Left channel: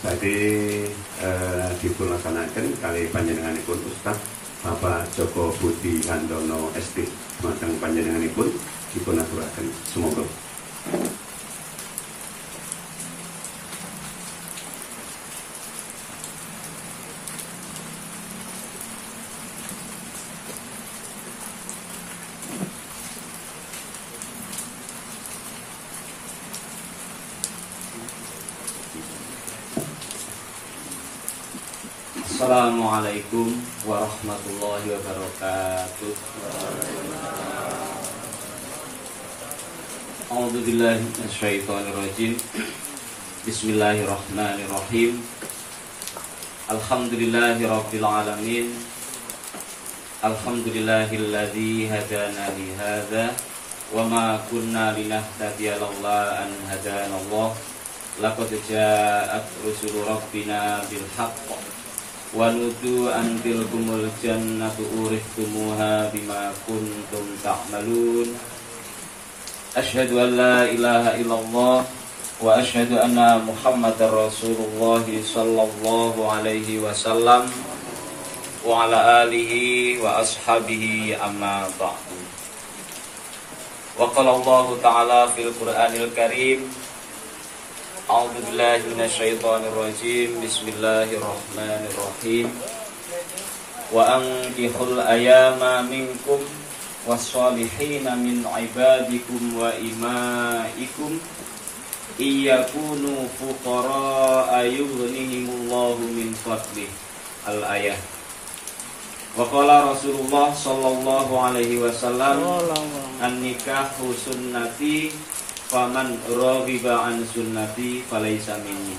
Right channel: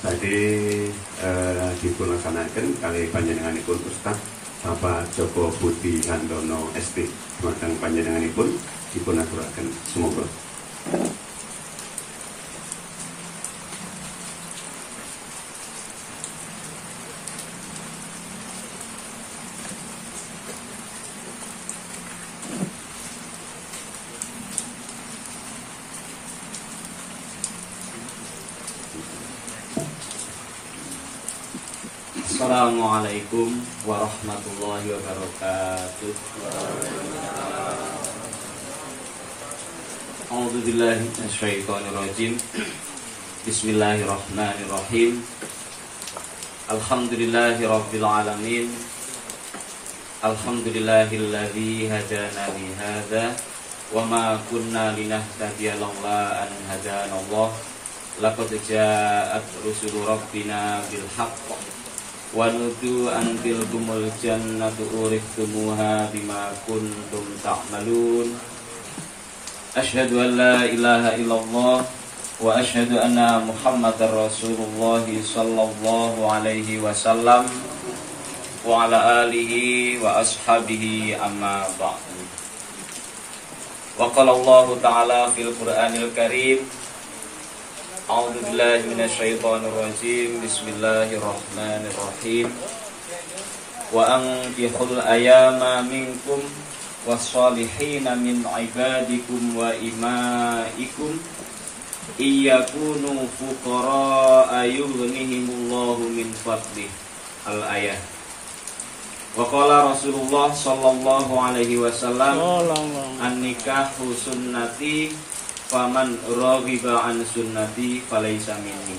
Tadi dilaksanakan kali panjenenganipun Ustaz Bapak Joko Budi Kandono ST. Matang panjenenganipun dipunaturaken semoga. Assalamualaikum warahmatullahi wabarakatuh. A'udzu billahi minasyaitonir rajim. Bismillahirrahmanirrahim. Alhamdulillahirabbil alamin. Alhamdulillahilladzi hadana li hadza wa ma kunna linahtadiya laula an hadanallah. Laqad ja'at rusulu rabbina bil haqq wa nudu an tilkumul jannatu uristumuha bima kuntum ta'malun. Asyhadu an la ilaha illallah wa asyhadu anna Muhammadar Rasulullah sallallahu alaihi wasallam wa ala alihi wa ashabihi amma ba'du. Wa qala Allah ta'ala fil Qur'anil Karim. A'udzu billahi minasyaitonir rajim. Bismillahirrahmanirrahim. Wa ankihul ayama minkum was-solihina min ibadikum wa imaikum iyakunu fuqara yughnihimullahu min fadlih. Al-ayah. Wa qala Rasulullah sallallahu alaihi wasallam an-nikahu sunnati faman raghiba an sunnati falaysa minni.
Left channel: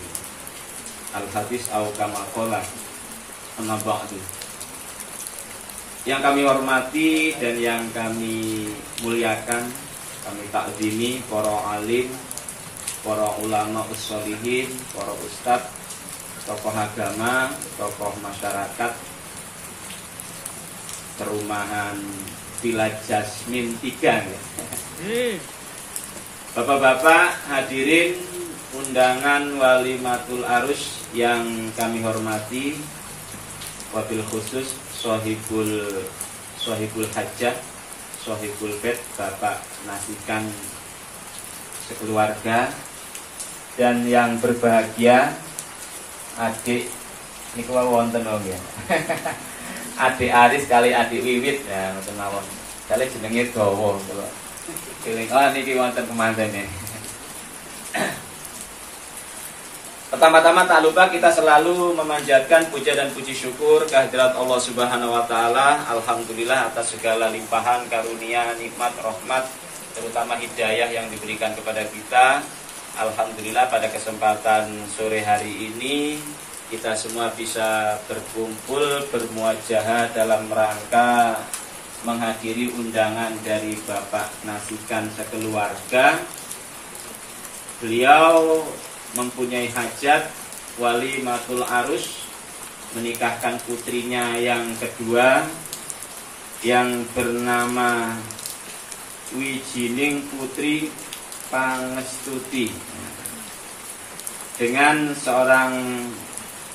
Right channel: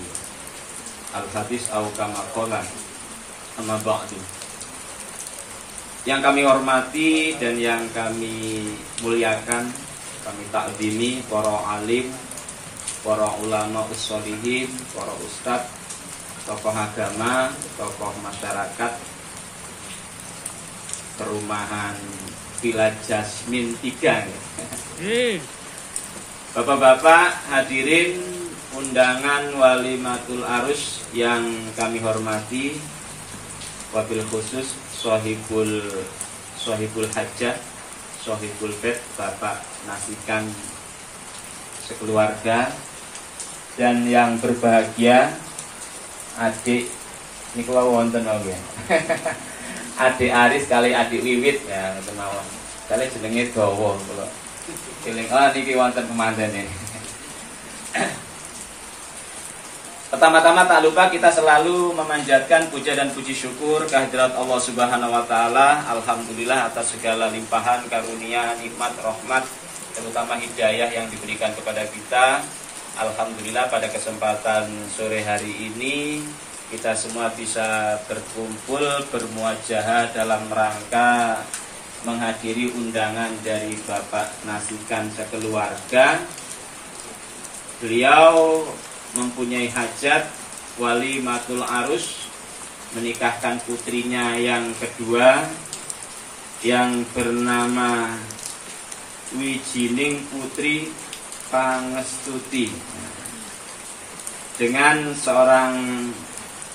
Al-hadis au kama qala. Amma ba'du. Yang kami hormati dan yang kami muliakan, kami takzimi para alim, para ulama usholihin, para ustadz, tokoh agama, tokoh masyarakat, perumahan Villa Jasmine 3 ya. Bapak-bapak hadirin undangan walimatul arus yang kami hormati, wabil khusus Sohibul Hajjah, Sohibul Bed, Bapak Nasikan sekeluarga, dan yang berbahagia adik ini kalau wonten ya. Adik Aris kali adik Wiwit ya ngoten mawon. Kali jenenge dawa kula. Eling niki wonten kemanten ini. Pertama-tama tak lupa kita selalu memanjatkan puja dan puji syukur kehadirat Allah Subhanahu wa taala. Alhamdulillah atas segala limpahan karunia, nikmat, rahmat, terutama hidayah yang diberikan kepada kita. Alhamdulillah pada kesempatan sore hari ini kita semua bisa berkumpul bermuajahah dalam rangka menghadiri undangan dari Bapak Nasikan sekeluarga. Beliau mempunyai hajat walimatul arus, menikahkan putrinya yang kedua yang bernama Wijining Putri Pangestuti dengan seorang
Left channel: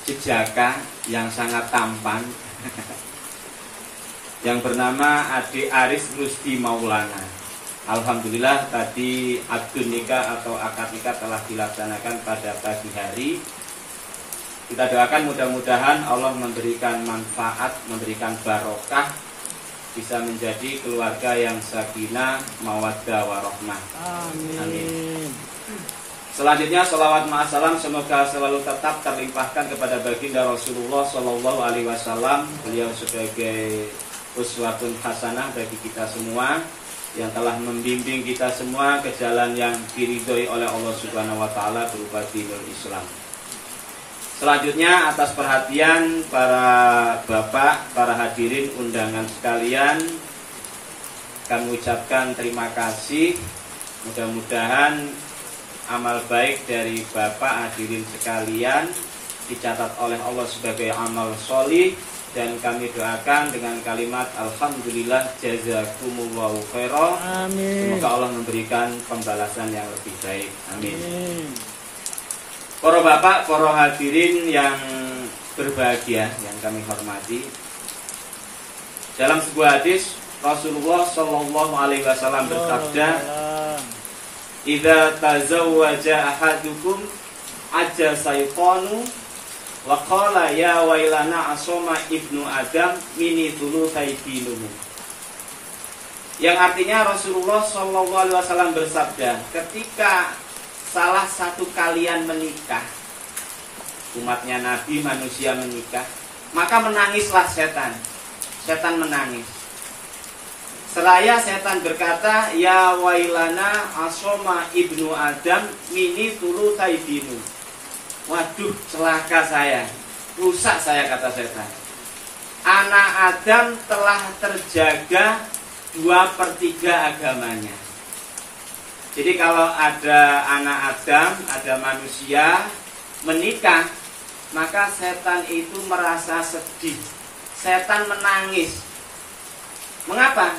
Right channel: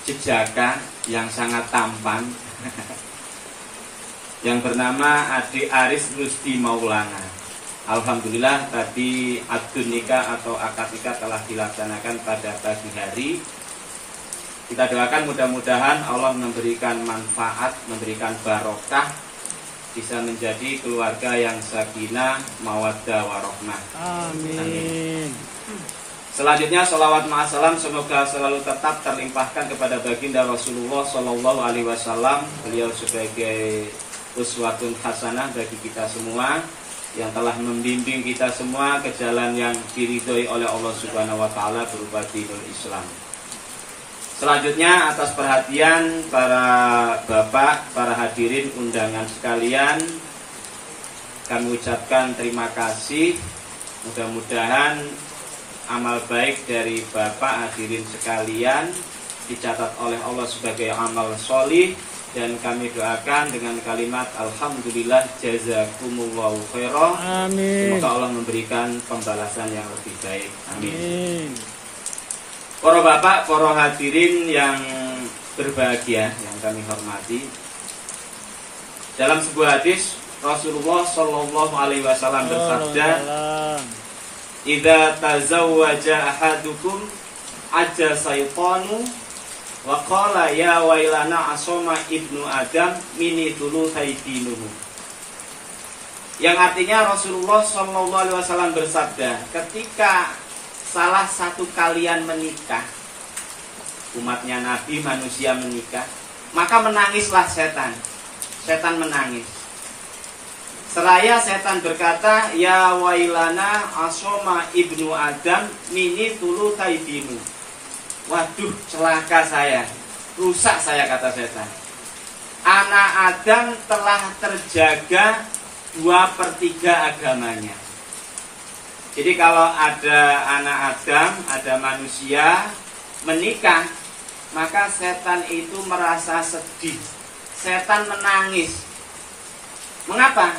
jejaka yang sangat tampan yang bernama Adik Aris Rusdi Maulana. Alhamdulillah tadi akad nikah atau akad nikah telah dilaksanakan pada pagi hari. Kita doakan mudah-mudahan Allah memberikan manfaat, memberikan barokah, bisa menjadi keluarga yang sakinah, mawaddah, warahmah. Amin. Selanjutnya salawat ma'asalam semoga selalu tetap terlimpahkan kepada baginda Rasulullah Sallallahu Alaihi Wasallam. Beliau sebagai uswatun hasanah bagi kita semua, yang telah membimbing kita semua ke jalan yang diridhoi oleh Allah Subhanahu wa taala berupa dinul Islam. Selanjutnya atas perhatian para bapak, para hadirin undangan sekalian, kami ucapkan terima kasih. Mudah-mudahan amal baik dari bapak hadirin sekalian dicatat oleh Allah sebagai amal sholih. Dan kami doakan dengan kalimat alhamdulillah jazakumullahu khairan. Amin. Semoga Allah memberikan pembalasan yang lebih baik. Amin. Para bapak, para hadirin yang berbahagia, yang kami hormati. Dalam sebuah hadis Rasulullah Shallallahu Alaihi Wasallam bersabda, "Idza tazawwaja ahadukum aja saytanu wa qala ya wailana asoma ibnu Adam mini dulu saydinuhu." Yang artinya Rasulullah Shallallahu Alaihi Wasallam bersabda, ketika salah satu kalian menikah, umatnya Nabi manusia menikah, maka menangislah setan. Setan menangis. Seraya setan berkata, ya wailana asoma ibnu Adam mini tulu taibinu. Waduh, celaka saya, rusak saya, kata setan. Anak Adam telah terjaga 2/3 agamanya. Jadi kalau ada anak Adam, ada manusia menikah, maka setan itu merasa sedih. Setan menangis. Mengapa?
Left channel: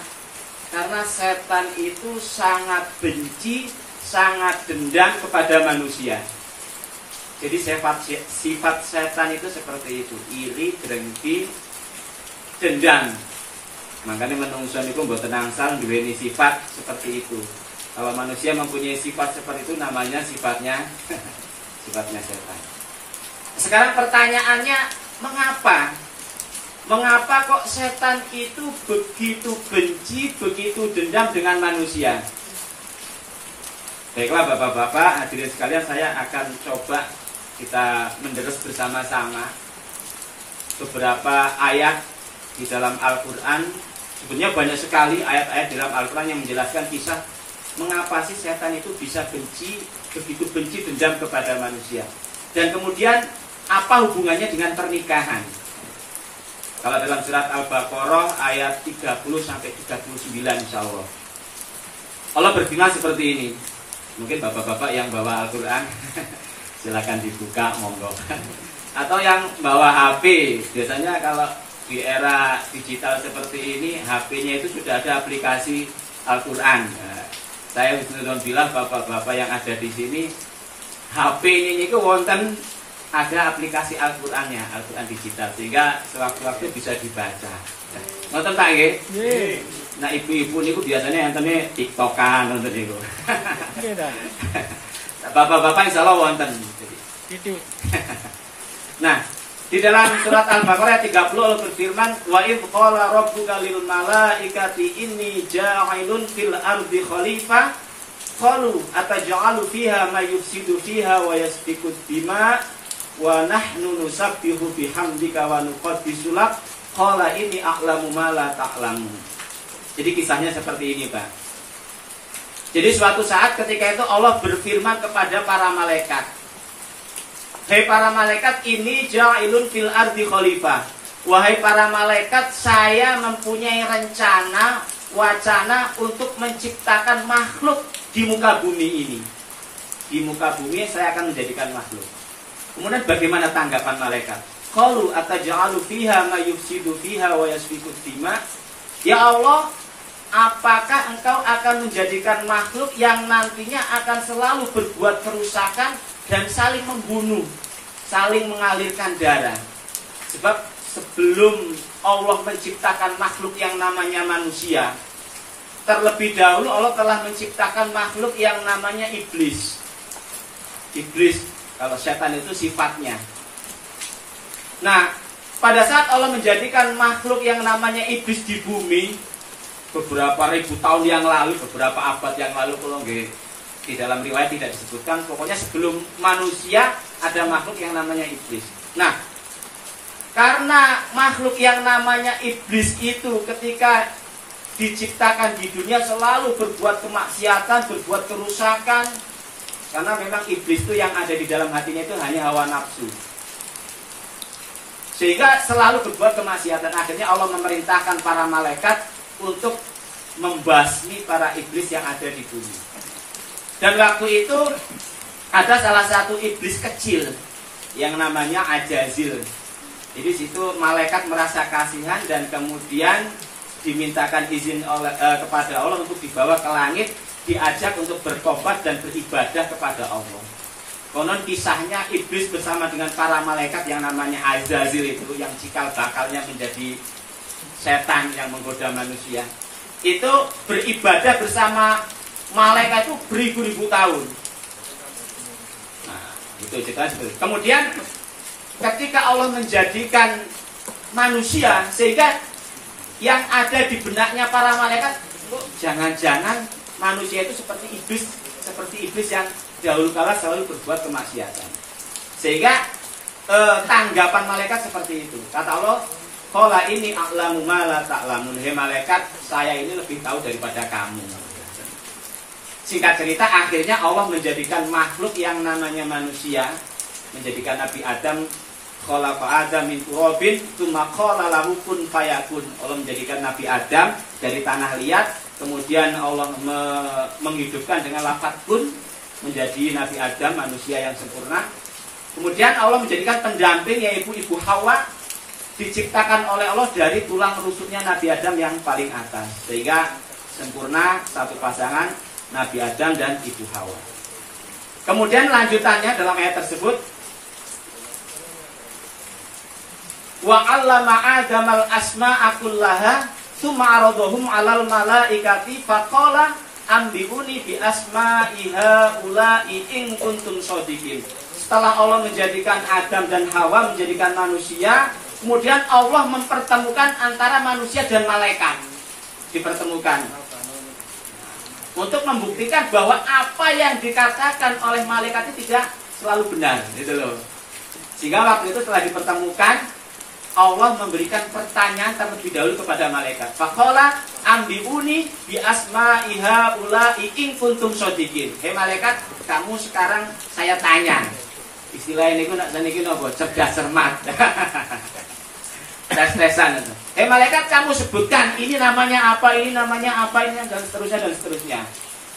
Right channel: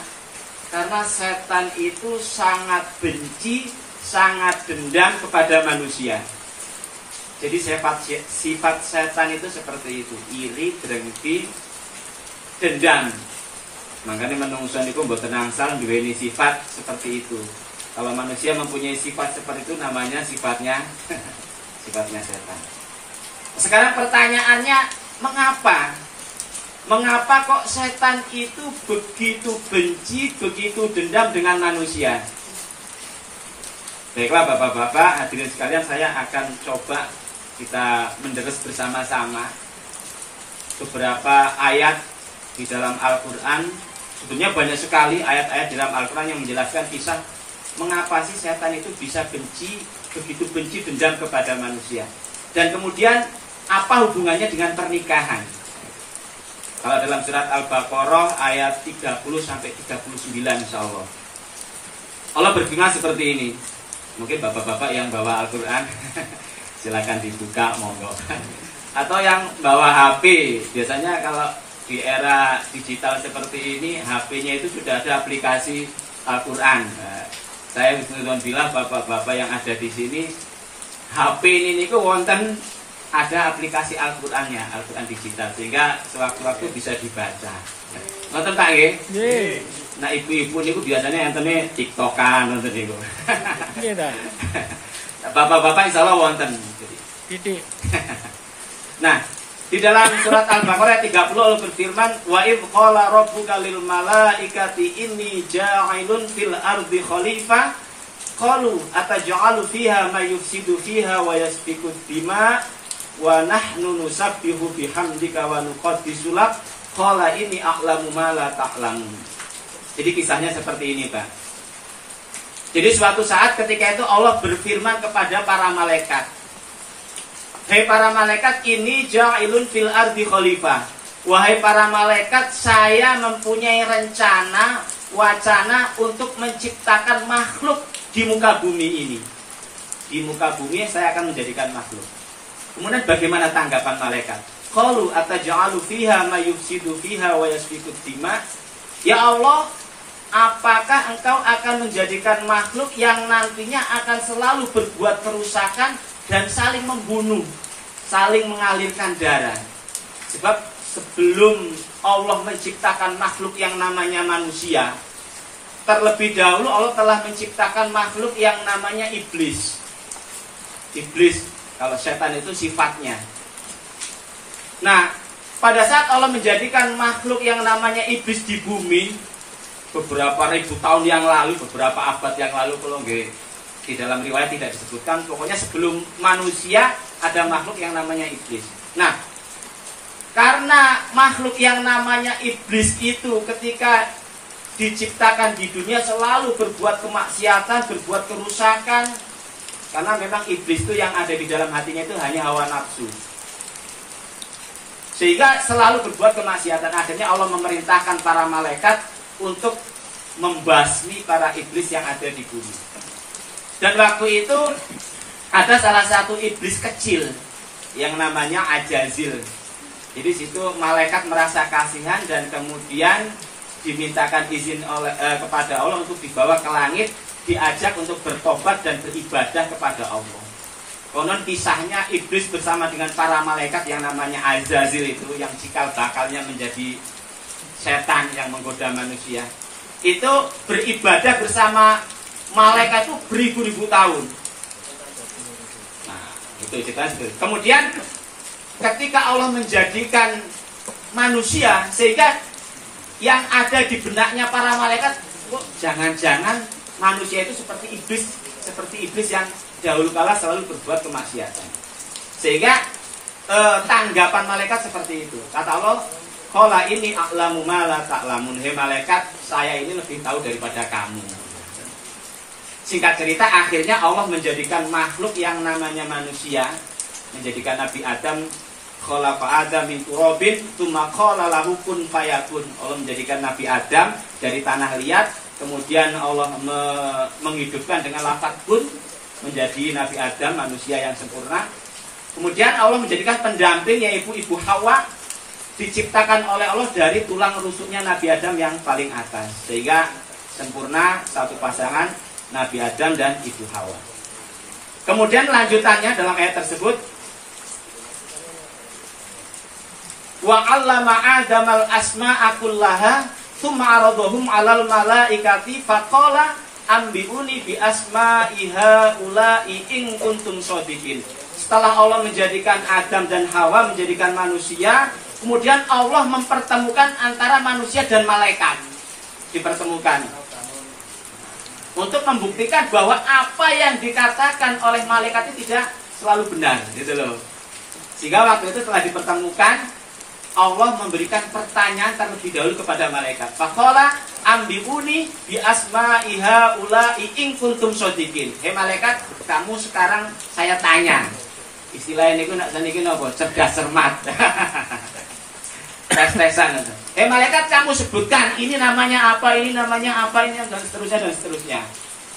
Karena setan itu sangat benci, sangat dendam kepada manusia. Jadi sifat setan itu seperti itu, iri, dengki, dendam. Makanya menungso niku mboten angsal duweni sifat seperti itu. Kalau manusia mempunyai sifat seperti itu, namanya sifatnya setan. Sekarang pertanyaannya, mengapa? Mengapa kok setan itu begitu benci, begitu dendam dengan manusia? Baiklah bapak-bapak, hadirin sekalian, saya akan coba kita menderes bersama-sama beberapa ayat di dalam Al-Quran. Sebetulnya banyak sekali ayat-ayat dalam Al-Quran yang menjelaskan kisah mengapa sih setan itu bisa benci, begitu benci, dendam kepada manusia. Dan kemudian apa hubungannya dengan pernikahan? Kalau dalam surat Al-Baqarah ayat 30-39 insyaallah, Allah berfirman seperti ini. Mungkin bapak-bapak yang bawa Al-Quran silakan dibuka, monggo. Atau yang bawa HP, biasanya kalau di era digital seperti ini, HP-nya itu sudah ada aplikasi Al-Quran. Saya bisa bilang bapak-bapak yang ada di sini, HP ini niku wonten ada aplikasi Al-Qur'annya, Al-Qur'an digital, sehingga sewaktu-waktu bisa dibaca. Nonton Pak nggih? Nggih. Nah, ibu-ibu niku biasanya entene TikTokan nonton niku. Nggih ta. Bapak-bapak insyaallah wonten. Titik. Nah, di dalam surat Al-Baqarah 30 Allah berfirman, "Wa idz qala rabbuka lil malaikati inni ja'ilun fil ardi khalifah qalu ataj'alu fiha may yufsidu fiha wa yasfiku dima wa nahnu nusabbihu bihamdika wa nuqaddisu lak qala inni a'lamu ma la ta'lamun." Jadi kisahnya seperti ini, Pak. Jadi suatu saat ketika itu Allah berfirman kepada para malaikat, "Hai para malaikat, ini ja'ilun fil ardi khalifah." Wahai para malaikat, saya mempunyai rencana, wacana untuk menciptakan makhluk di muka bumi ini. Di muka bumi saya akan menjadikan makhluk. Kemudian bagaimana tanggapan malaikat? Qalu ataj'alu fiha may yufsidu fiha wa yasfiku dima. Ya Allah, apakah engkau akan menjadikan makhluk yang nantinya akan selalu berbuat kerusakan dan saling membunuh, saling mengalirkan darah? Sebab sebelum Allah menciptakan makhluk yang namanya manusia, terlebih dahulu Allah telah menciptakan makhluk yang namanya iblis. Iblis, kalau setan itu sifatnya. Nah, pada saat Allah menjadikan makhluk yang namanya iblis di bumi beberapa ribu tahun yang lalu, beberapa abad yang lalu, kalau nggih di dalam riwayat tidak disebutkan, pokoknya sebelum manusia ada makhluk yang namanya iblis. Nah, karena makhluk yang namanya iblis itu ketika diciptakan di dunia selalu berbuat kemaksiatan, berbuat kerusakan, karena memang iblis itu yang ada di dalam hatinya itu hanya hawa nafsu, sehingga selalu berbuat kemaksiatan. Akhirnya Allah memerintahkan para malaikat untuk membasmi para iblis yang ada di bumi. Dan waktu itu ada salah satu iblis kecil yang namanya Ajazil. Jadi situ malaikat merasa kasihan dan kemudian dimintakan izin kepada Allah untuk dibawa ke langit, diajak untuk bertobat dan beribadah kepada Allah. Konon kisahnya iblis bersama dengan para malaikat yang namanya Azazil itu, yang cikal bakalnya menjadi setan yang menggoda manusia, itu beribadah bersama malaikat itu beribu-ribu tahun. Nah, itu cerita. Kemudian ketika Allah menjadikan manusia, sehingga yang ada di benaknya para malaikat, kok jangan-jangan manusia itu seperti iblis yang dahulu kala selalu berbuat kemaksiatan. Sehingga tanggapan malaikat seperti itu. Kata Allah, qala ini a'lamu ma la ta'lamun. Hei malaikat, saya ini lebih tahu daripada kamu. Singkat cerita, akhirnya Allah menjadikan makhluk yang namanya manusia, menjadikan Nabi Adam, khalaqa Adam min turabin tsumma qala lahu kun fayakun. Allah menjadikan Nabi Adam dari tanah liat, kemudian Allah menghidupkan dengan lafaz kun, menjadi Nabi Adam, manusia yang sempurna. Kemudian Allah menjadikan pendamping, yaitu Ibu Hawa, diciptakan oleh Allah dari tulang rusuknya Nabi Adam yang paling atas, sehingga sempurna satu pasangan Nabi Adam dan Ibu Hawa. Kemudian lanjutannya dalam ayat tersebut, wa 'allama Adamal asma'a kullaha tsumma 'aradahum 'alal malaikati faqala ambiuni bi asma'i haula'i in kuntum shodiqin. Setelah Allah menjadikan Adam dan Hawa, menjadikan manusia, kemudian Allah mempertemukan antara manusia dan malaikat. Dipertemukan untuk membuktikan bahwa apa yang dikatakan oleh malaikat itu tidak selalu benar, gitu loh. Sehingga waktu itu setelah dipertemukan, Allah memberikan pertanyaan terlebih dahulu kepada malaikat. Faqala ambiuni bi asma'i haula'i in kuntum shodiqin. Hei malaikat, kamu sekarang saya tanya. Istilah ini nak saniki napa? Cerdas cermat. Tes-tesan itu. Hei malaikat, kamu sebutkan ini namanya apa, ini namanya apa, ini dan seterusnya dan seterusnya.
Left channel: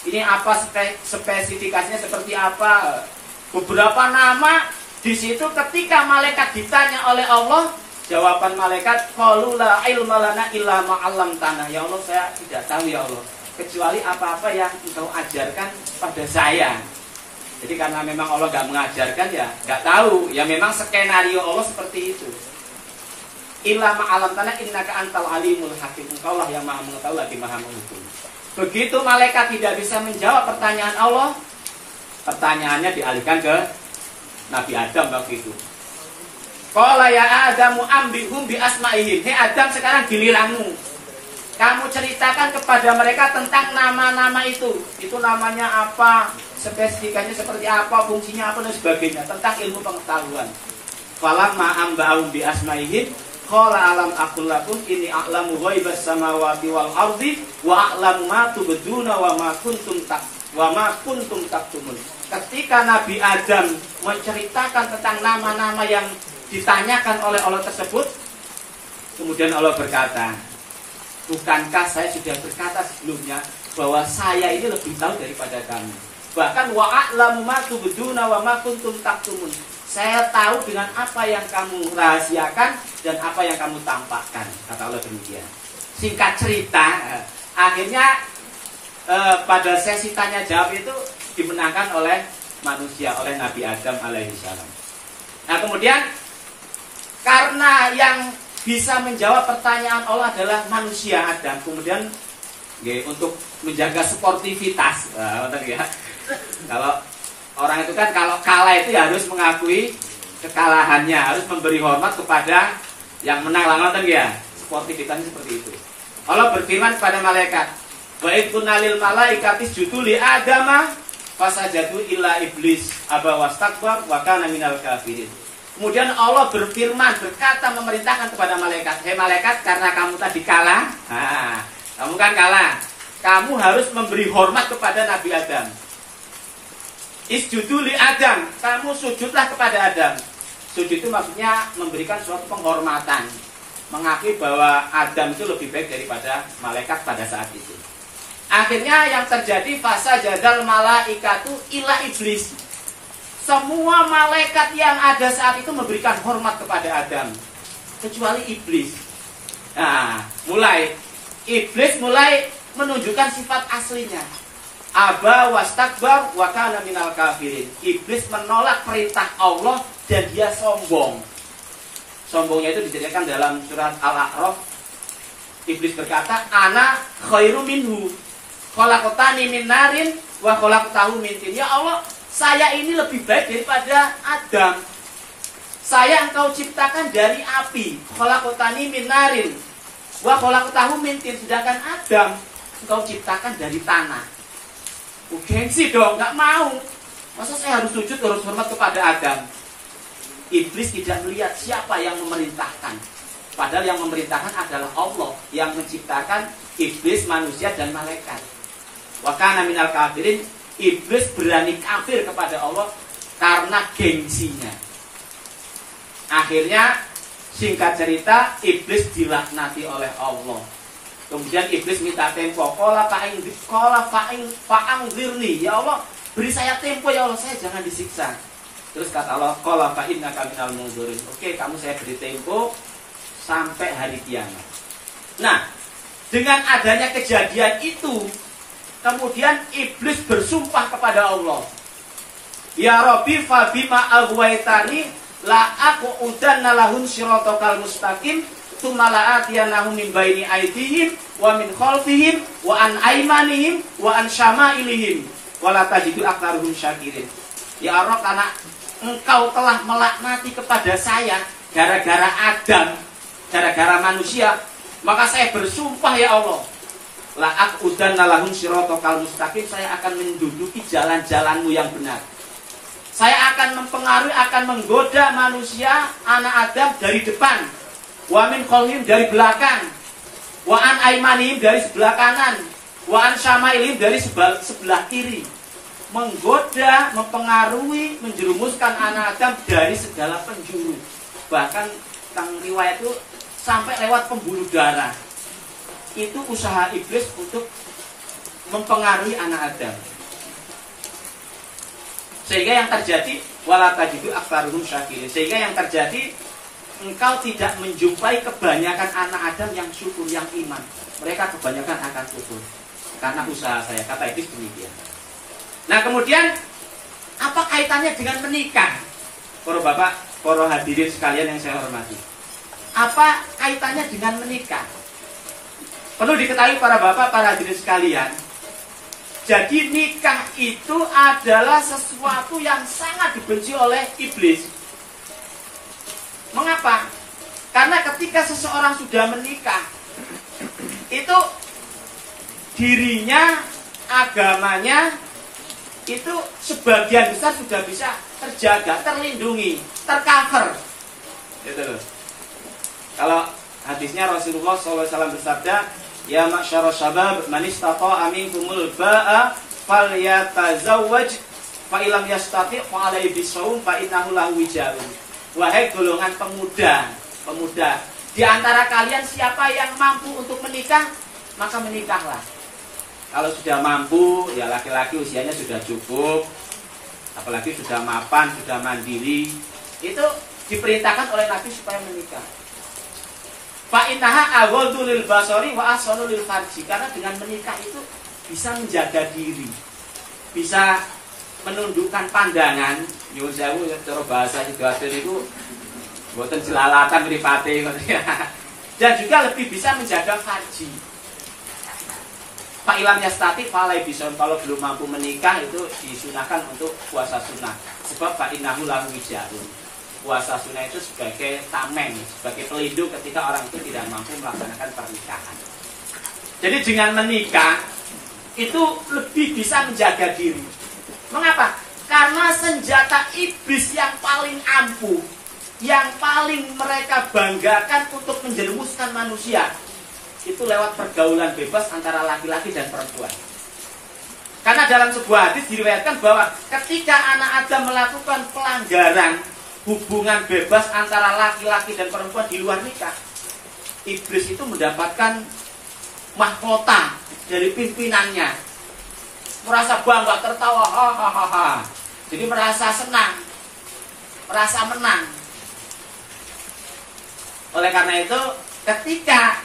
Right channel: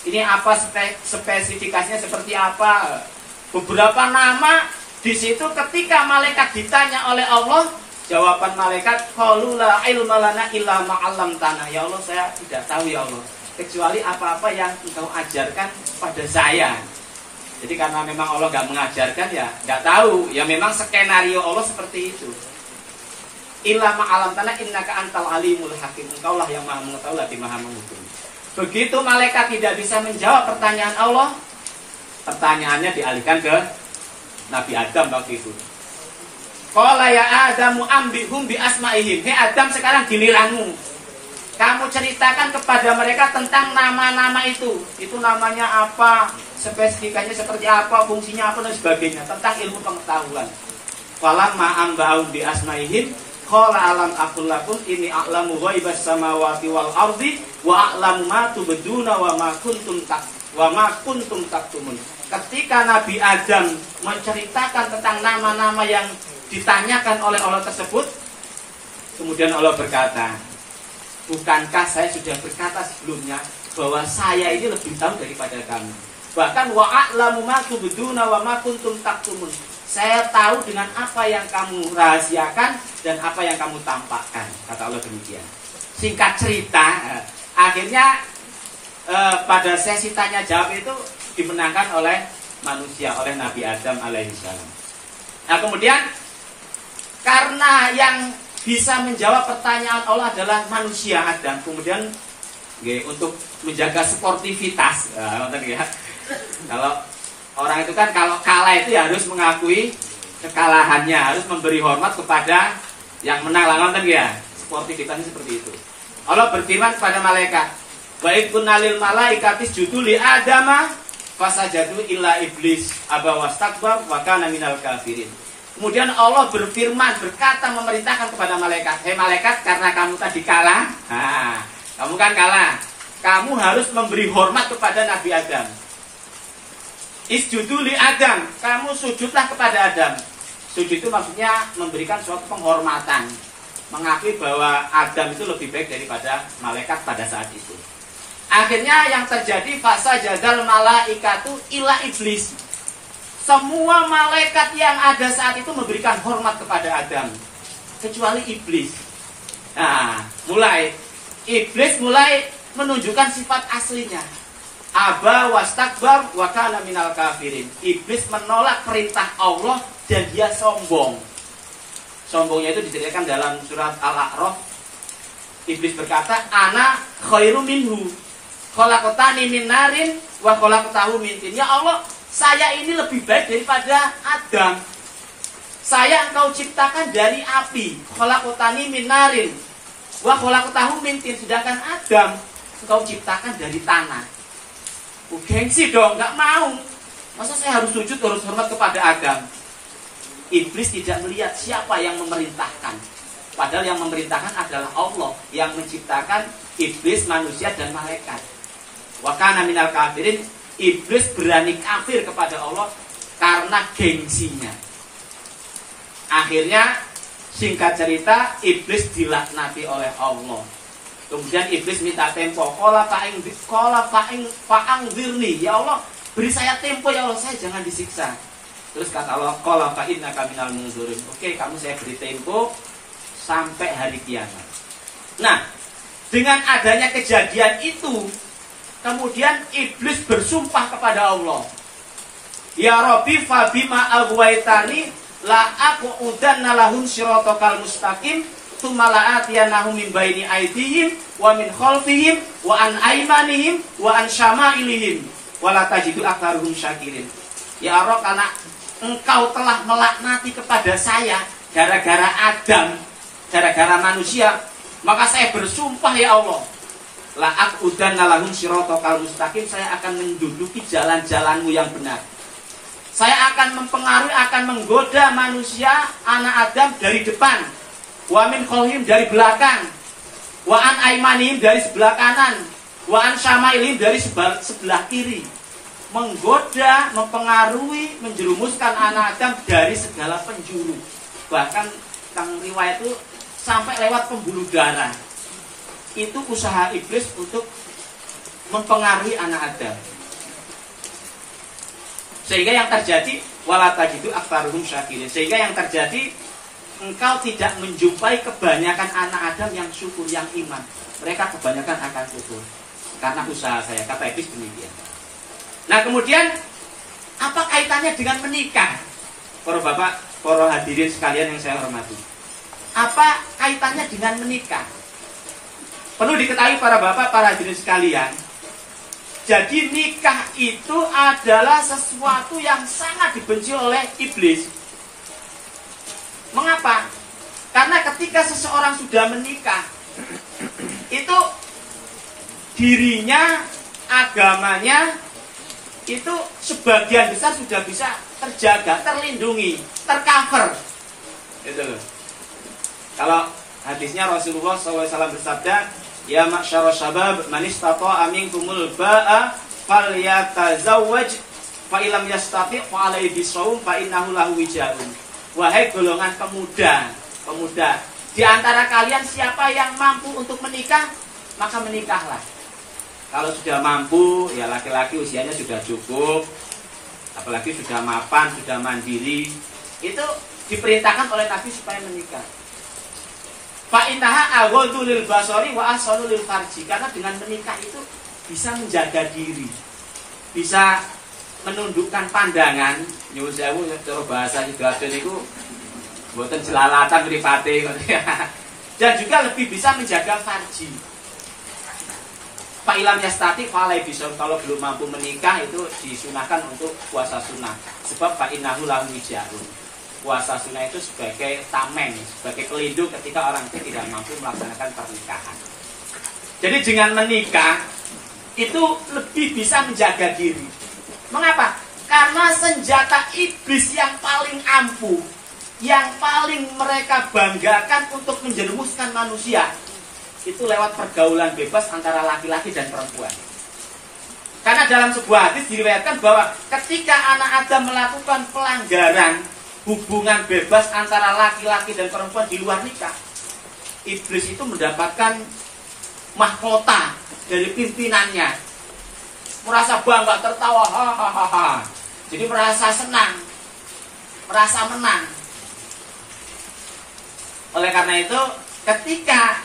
Ini apa spesifikasinya seperti apa? Beberapa nama di situ ketika malaikat ditanya oleh Allah, jawaban malaikat, qalu la ilma lana illa ma 'allamtana. Ya Allah, saya tidak tahu ya Allah, kecuali apa-apa yang Engkau ajarkan pada saya. Jadi karena memang Allah nggak mengajarkan, ya nggak tahu. Ya memang skenario Allah seperti itu. Illa ma 'allamtana innaka antal alimul hakim. Engkaulah yang Maha mengetahui lagi Maha menghukum. Begitu malaikat tidak bisa menjawab pertanyaan Allah, pertanyaannya dialihkan ke Nabi Adam waktu itu. Qala ya Adamu ambihum bi asma'ihim. Hei Adam, sekarang giliranmu. Kamu ceritakan kepada mereka tentang nama-nama itu. Itu namanya apa, spesifikasinya seperti apa, fungsinya apa dan sebagainya, tentang ilmu pengetahuan. Qala ma amba'um bi asma'ihim. Qala alam aqul lakum inni a'lamu ghaibas samawati wal ardi wa a'lamu ma tubduna wa ma kuntum taktumun. Ketika Nabi Adam menceritakan tentang nama-nama yang ditanyakan oleh Allah tersebut, kemudian Allah berkata, bukankah saya sudah berkata sebelumnya bahwa saya ini lebih tahu daripada kamu. Bahkan wa a'lamu ma tubduna wa ma kuntum taktumun. Saya tahu dengan apa yang kamu rahasiakan dan apa yang kamu tampakkan, kata Allah demikian. Singkat cerita, akhirnya pada sesi tanya jawab itu dimenangkan oleh manusia, oleh Nabi Adam alaihissalam. Nah kemudian karena yang bisa menjawab pertanyaan Allah adalah manusia Adam, kemudian untuk menjaga sportivitas, kalau orang itu kan kalau kalah itu ya harus mengakui kekalahannya, harus memberi hormat kepada yang menang, nonton ya. Sportivitasnya seperti itu. Allah berfirman kepada malaikat, wa idkunna lil malaikati isjudu li adama fasajadu illa iblis aba wastakbar wa kana minal kafirin. Kemudian Allah berfirman, berkata, memerintahkan kepada malaikat, hei malaikat, karena kamu tadi kalah, kamu kan kalah, kamu harus memberi hormat kepada Nabi Adam. Isjudu li Adam, kamu sujudlah kepada Adam. Sujud itu maksudnya memberikan suatu penghormatan, mengakui bahwa Adam itu lebih baik daripada malaikat pada saat itu. Akhirnya yang terjadi fasa jadal malaikatu ila iblis. Semua malaikat yang ada saat itu memberikan hormat kepada Adam, kecuali iblis. Nah, iblis mulai menunjukkan sifat aslinya. aba wastakbar wa kana minal kafirin. Iblis menolak perintah Allah dan dia sombong. Sombongnya itu diceritakan dalam surat Al-A'raf. Iblis berkata, ana khairu minhu, khalaqtani min narin wa khalaqtahu min tin. Ya Allah, saya ini lebih baik daripada Adam. Saya engkau ciptakan dari api, khalaqtani min narin wa khalaqtahu min tin. Sedangkan Adam engkau ciptakan dari tanah. Gengsi dong, nggak mau. Masa saya harus sujud, harus hormat kepada Adam? Iblis tidak melihat siapa yang memerintahkan. Padahal yang memerintahkan adalah Allah yang menciptakan iblis, manusia, dan malaikat. Wa kana minal kafirin. Iblis berani kafir kepada Allah karena gengsinya. Akhirnya, singkat cerita, iblis dilaknati oleh Allah. Kemudian iblis minta tempo. Qala fa'angzirni. Ya Allah, beri saya tempo ya Allah, saya jangan disiksa. Terus kata Allah, qala fa'innaka minal munzirin. Oke, kamu saya beri tempo sampai hari kiamat. Nah, dengan adanya kejadian itu, kemudian iblis bersumpah kepada Allah. Ya Rabbi fabima aghwaytani la aqudanna lahum siratal mustaqim tsumma la'atiyanahum min baini aydihim wa min khalfihim wa an aymanihim wa an syama'ilihim wa la tajidu aktsaruhum syakirin. Ya Allah, karena Engkau telah melaknati kepada saya gara-gara Adam, gara-gara manusia, maka saya bersumpah ya Allah, la aqudanna lahum siratal mustaqim, saya akan menduduki jalan-jalanmu yang benar. Saya akan mempengaruhi, akan menggoda manusia, anak Adam dari depan, wa min khalfihim dari belakang, wa an aymanihim dari sebelah kanan, wa an syama'ilihim dari sebelah kiri. Menggoda, mempengaruhi, menjerumuskan anak Adam dari segala penjuru. Bahkan tentang riwayat itu sampai lewat pembuluh darah. Itu usaha iblis untuk mempengaruhi anak Adam. Sehingga yang terjadi wala tajidu aktsaruhum syakirin. Sehingga yang terjadi, engkau tidak menjumpai kebanyakan anak Adam yang syukur, yang iman. Mereka kebanyakan akan syukur karena usaha saya. Kata iblis demikian. Nah, kemudian apa kaitannya dengan menikah? Para bapak, para hadirin sekalian yang saya hormati. Apa kaitannya dengan menikah? Perlu diketahui para bapak, para hadirin sekalian. Jadi nikah itu adalah sesuatu yang sangat dibenci oleh iblis. Mengapa? Karena ketika seseorang sudah menikah, itu dirinya, agamanya, itu sebagian besar sudah bisa terjaga, terlindungi, tercover. Itu loh. Kalau hadisnya Rasulullah SAW bersabda, ya ma'syarus syabab man istata'a minkumul ba'a falyatazawwaj fa illam yastati' fa alaihi bisawm fa innahu lahu wijaun. Wahai golongan pemuda, di antara kalian siapa yang mampu untuk menikah, maka menikahlah. Kalau sudah mampu, ya laki-laki usianya sudah cukup, apalagi sudah mapan, sudah mandiri, itu diperintahkan oleh Nabi supaya menikah. Fa innaha aghaddu lil basari wa ahsanu lil farji. Karena dengan menikah itu bisa menjaga diri, bisa menundukkan pandangan. Nyuwun sewu cara bahasa Sidoarjo niku mboten jelalatan mripate. Dan juga lebih bisa menjaga farji. Fa ilam yastati falai bisa, kalau belum mampu menikah itu disunahkan untuk puasa sunnah. Sebab fa innahu lahu wijaun. Puasa sunnah itu sebagai tameng, sebagai pelindung ketika orang itu tidak mampu melaksanakan pernikahan. Jadi dengan menikah itu lebih bisa menjaga diri. Mengapa? Karena senjata iblis yang paling ampuh, yang paling mereka banggakan untuk menjerumuskan manusia, itu lewat pergaulan bebas antara laki-laki dan perempuan. Karena dalam sebuah hadis diriwayatkan bahwa ketika anak Adam melakukan pelanggaran hubungan bebas antara laki-laki dan perempuan di luar nikah, iblis itu mendapatkan mahkota dari pimpinannya, merasa bangga, tertawa, hahaha. Jadi merasa senang, merasa menang. Oleh karena itu, ketika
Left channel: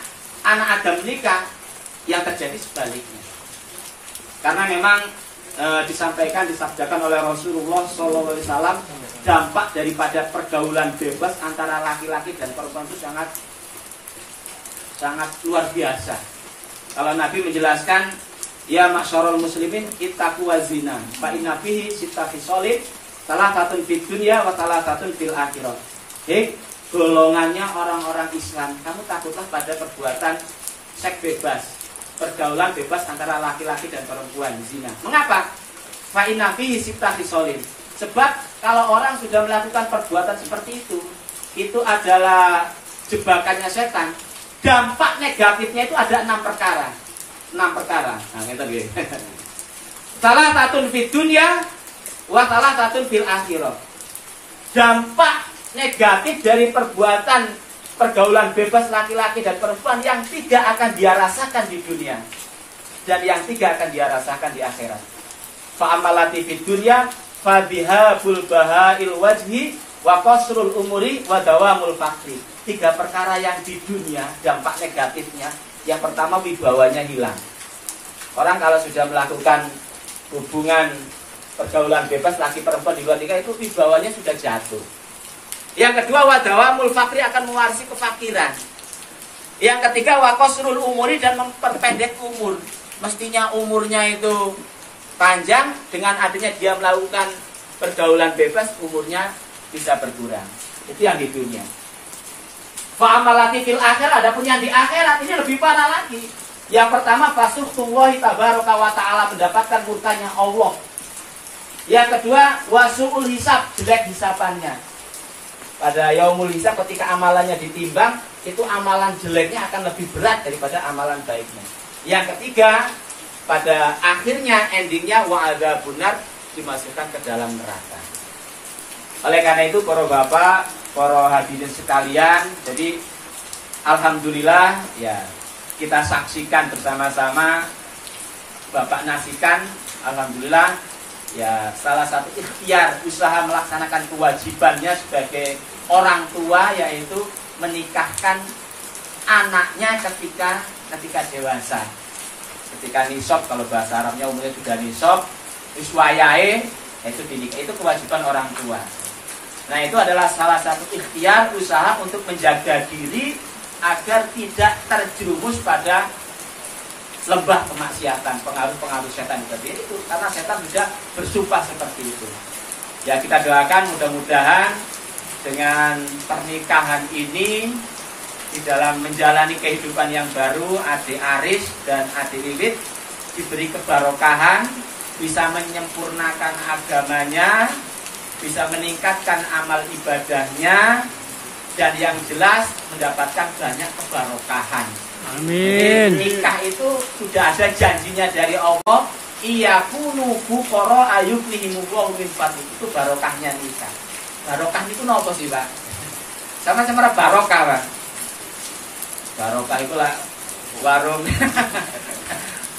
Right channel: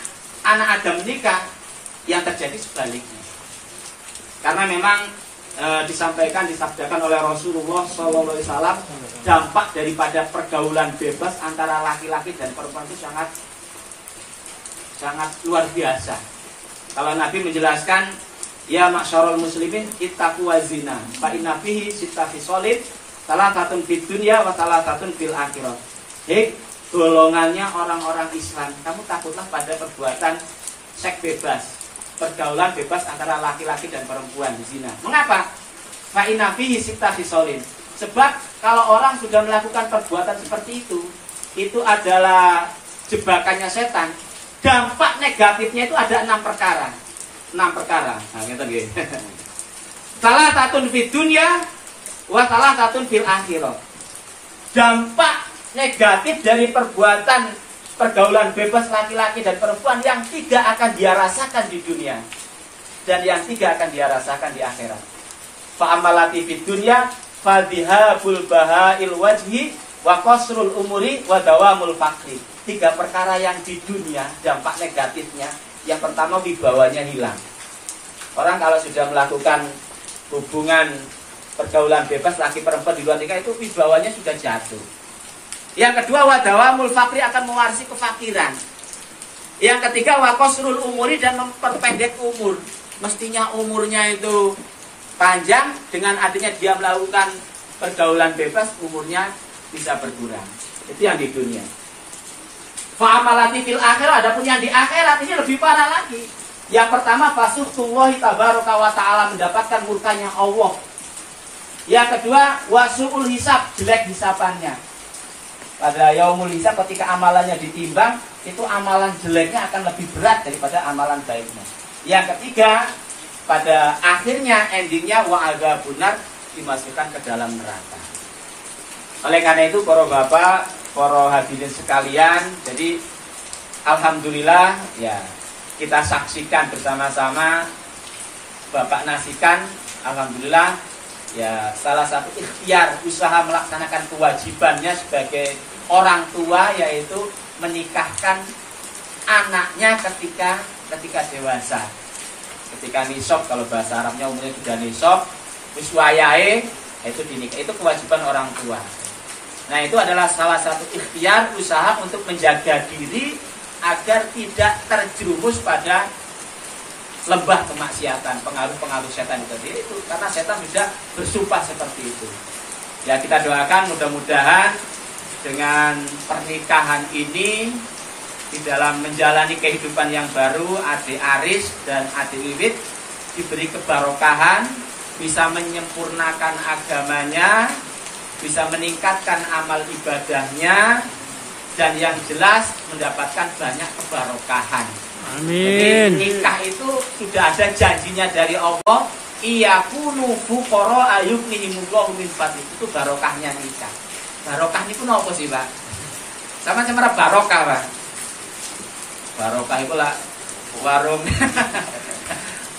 anak Adam menikah, yang terjadi sebaliknya. Karena memang disabdakan oleh Rasulullah SAW, dampak daripada pergaulan bebas antara laki-laki dan perempuan itu sangat luar biasa. Kalau Nabi menjelaskan, ya ma'syarul muslimin ittaqu wazina fa inna fihi sitta khisalin salah satun fid dunya wa salah satun fil akhirah. Hei, golongannya orang-orang Islam, kamu takutlah pada perbuatan seks bebas, pergaulan bebas antara laki-laki dan perempuan, zina. Mengapa? Fa inna fihi sitta khisalin. Sebab kalau orang sudah melakukan perbuatan seperti itu adalah jebakannya setan. Dampak negatifnya itu ada 6 perkara. 6 perkara. Nah, ngeten nggih. Salah satun fid dunya wa salah satun fil akhirah. Dampak negatif dari perbuatan pergaulan bebas laki-laki dan perempuan yang tidak akan dia rasakan di dunia dan yang tidak akan dia rasakan di akhirat. Fa amalati fid dunya fa bihabul bahail wajhi wa qasrul umuri wa dawamul fakri. 3 perkara yang di dunia dampak negatifnya. Yang pertama, wibawanya hilang. Orang kalau sudah melakukan hubungan pergaulan bebas laki perempuan di luar nikah itu wibawanya sudah jatuh. Yang kedua, wadawamul fakri, akan mewarisi kefakiran. Yang ketiga, waqasrul umuri, dan memperpendek umur. Mestinya umurnya itu panjang, dengan adanya dia melakukan pergaulan bebas umurnya bisa berkurang. Itu yang di dunia. Fa'amalati fil akhirat, adapun yang di akhirat ini lebih parah lagi. Yang pertama, fasuhtullahi tabaraka wa ta'ala, mendapatkan murkanya Allah. Yang kedua, wasu'ul hisab, jelek hisabannya. Pada yaumul hisab, ketika amalannya ditimbang, itu amalan jeleknya akan lebih berat daripada amalan baiknya. Yang ketiga, pada akhirnya endingnya wa'adha benar, dimasukkan ke dalam neraka. Oleh karena itu, para bapak, para hadirin sekalian, jadi alhamdulillah ya kita saksikan bersama-sama Bapak Nasikan, alhamdulillah ya salah satu ikhtiar usaha melaksanakan kewajibannya sebagai orang tua, yaitu menikahkan anaknya ketika dewasa, ketika nisab, kalau bahasa Arabnya umumnya sudah nisab, iswayae, itu dinikah, itu kewajiban orang tua. Nah, itu adalah salah satu ikhtiar usaha untuk menjaga diri agar tidak terjerumus pada lembah kemaksiatan, pengaruh-pengaruh setan itu. Karena setan sudah bersumpah seperti itu. Ya, kita doakan mudah-mudahan dengan pernikahan ini, di dalam menjalani kehidupan yang baru, adik Aris dan adik Wiwit diberi kebarokahan, bisa menyempurnakan agamanya, bisa meningkatkan amal ibadahnya, dan yang jelas mendapatkan banyak kebarokahan. Amin. Jadi, nikah itu sudah ada janjinya dari Allah, iyakunu fuqara ayughnihimullahu min fadli. Itu barokahnya nikah. Barokah itu napa sih, Pak? Sama-sama barokah, Pak. Barokah itu lah warung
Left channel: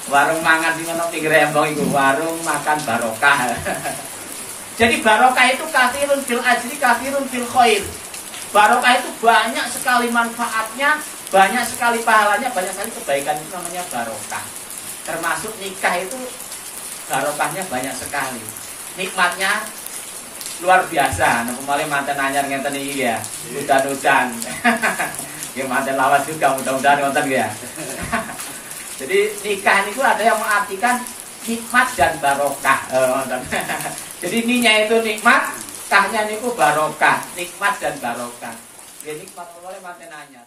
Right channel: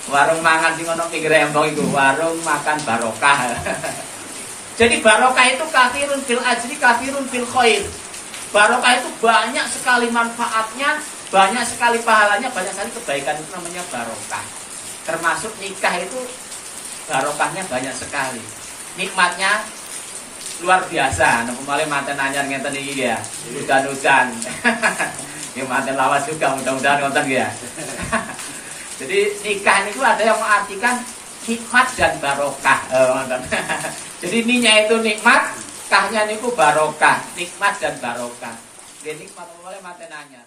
warung mangan sing ono pinggir embong iku, warung makan barokah. Jadi barokah itu kathirun fil ajri, kathirun fil khair. Barokah itu banyak sekali manfaatnya, banyak sekali pahalanya, banyak sekali kebaikan, itu namanya barokah. Termasuk nikah itu barokahnya banyak sekali. Nikmatnya luar biasa. Nah, mulai manten anyar ngeten iki ya. Udan-udan. Ya manten lawas juga mudah-mudahan ngoten ya. Jadi nikah itu ada yang mengartikan nikmat dan barokah. Jadi ninya itu nikmat, kahnya niku barokah, nikmat dan barokah. Jadi nikmat oleh manten anyar.